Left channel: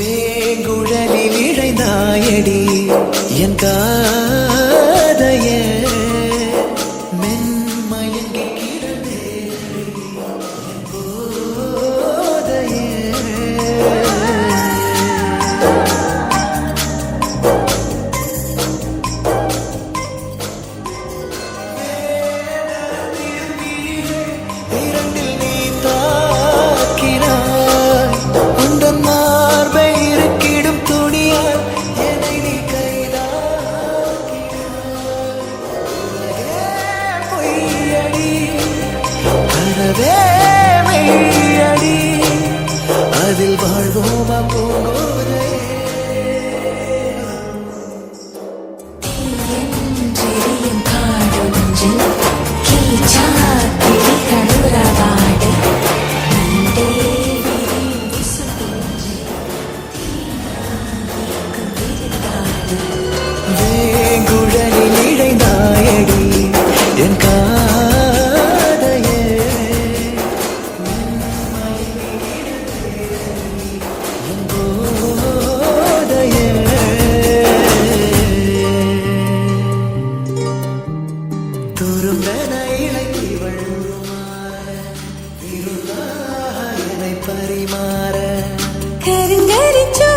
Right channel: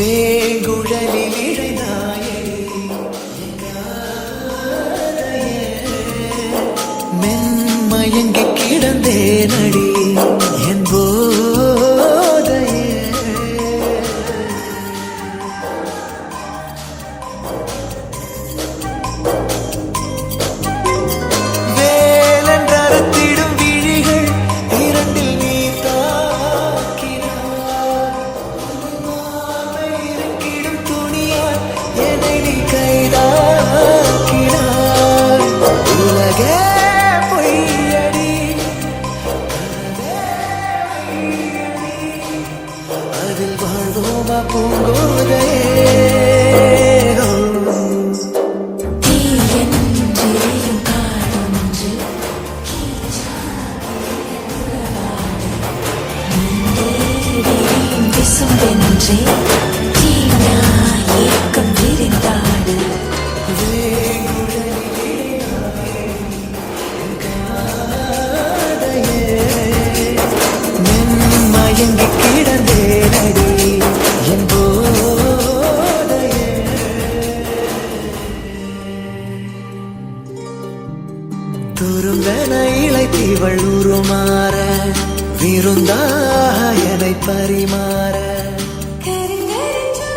வேங்குழலில் இழைந்தாயடி என் காதைய மென்மயங்கி கிடந்தேனடி என் போதைய வேலென்றறுத்திடும் விழிகள் இரண்டில் நீ தாக்கினாய் உந்தன் மார்பை இருக்கிடும் துணியால் என்னை நீ கைதாக்கினாய் உலகே பொய்யடி கனவே மெய்யடி அதில் வாழ்வோமா பூங்கோதையே வேங்குழலில் இழைந்தாயடி என் காதையே மென்மயங்கி கிடந்தேனடி என் போதையே துரும்பென இளைத்தீவள் உருமாற விருந்தாக என்னை பரிமாற கருங்கரிச்சோ